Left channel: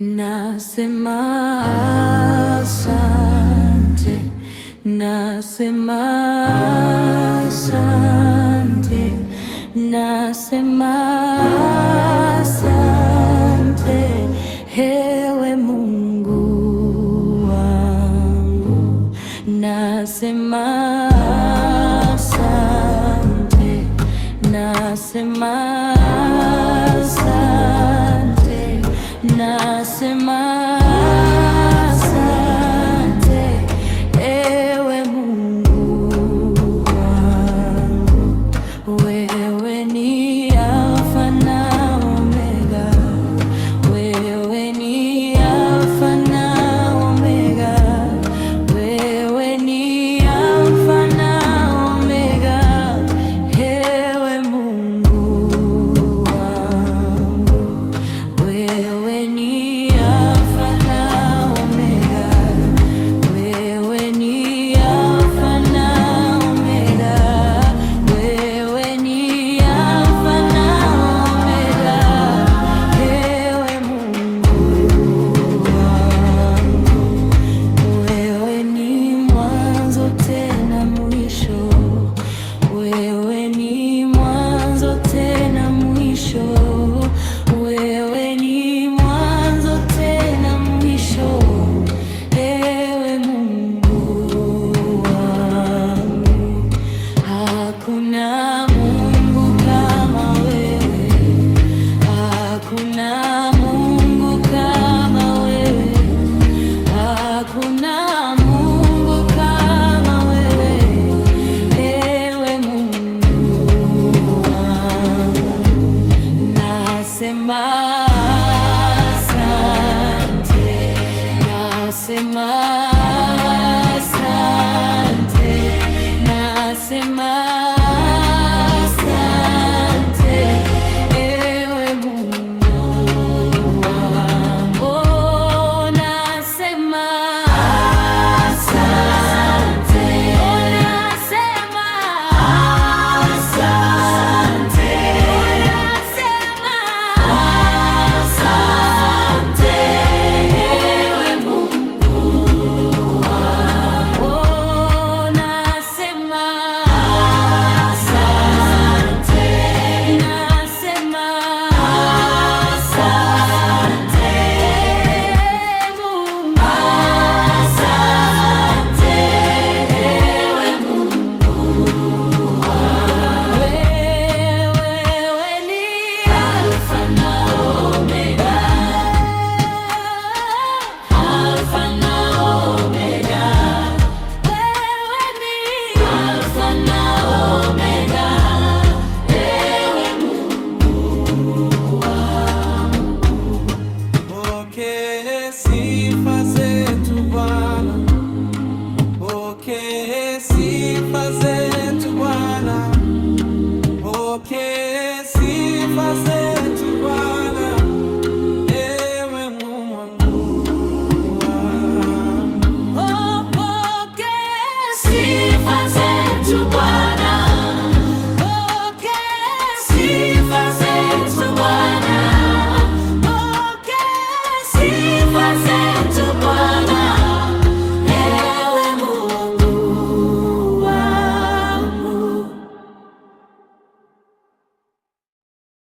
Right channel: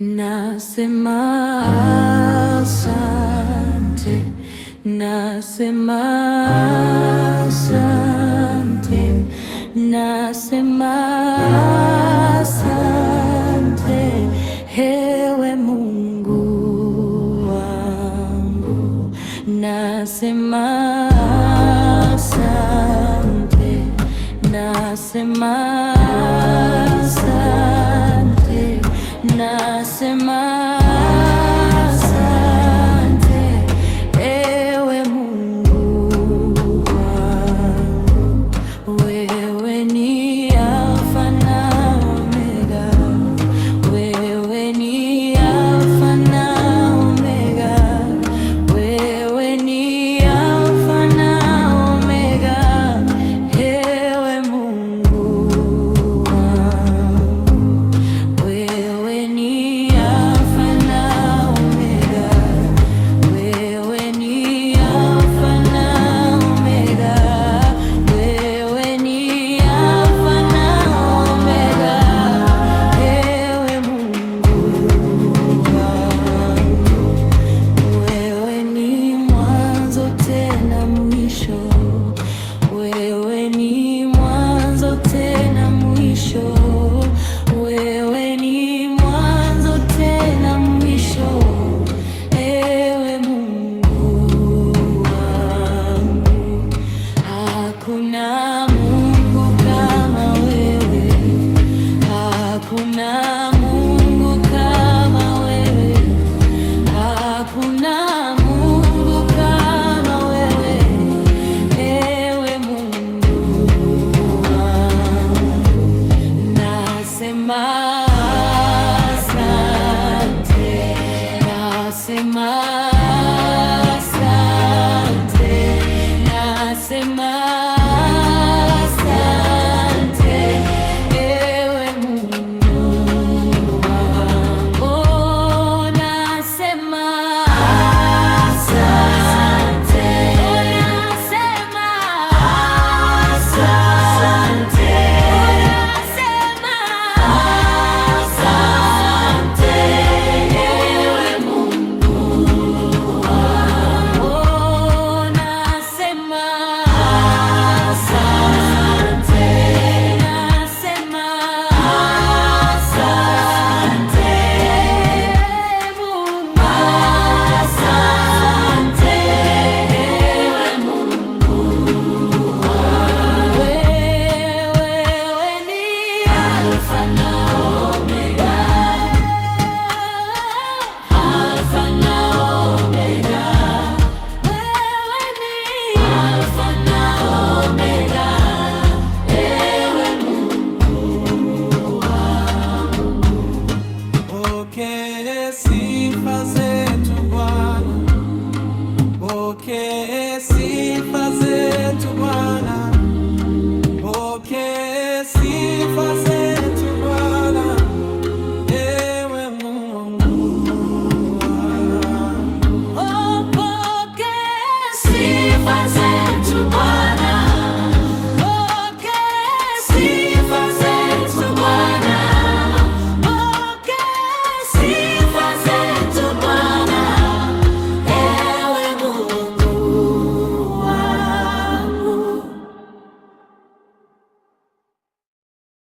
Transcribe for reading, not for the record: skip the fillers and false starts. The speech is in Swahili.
Nasema asante, nasema asante, nasema asante, ewe Mungu wangu. Nasema asante, nasema asante, nasema asante, ewe Mungu wangu. Wewe ni Alfa na Omega, wewe ni Alfa na Omega, wewe ni Alfa na Omega, ewe Mungu wangu. Wewe ni Alfa na Omega, wewe ni Alfa na Omega, wewe ni Alfa na Omega, ewe Mungu wangu. Wewe ni mwanzo tena mwisho, wewe ni mwanzo tena mwisho, wewe ni mwanzo tena mwisho, ewe Mungu wangu. Hakuna Mungu kama wewe, hakuna Mungu kama wewe, hakuna Mungu kama wewe, ewe Mungu wangu. Nasema asante, nasema asante, nasema asante, ewe Mungu wangu. Oh, nasema asante, oh, nasema asante, oh, nasema asante, ewe Mungu wangu. Oh, nasema asante, nasema asante, Mungu. Asante, ewe Mungu wangu. Wewe ni Alfa na Omega, Alfa na Omega, wewe ni Alfa na Omega, ewe Mungu wangu. Pokea sifa zetu Bwana, pokea sifa zetu Bwana, pokea sifa zetu.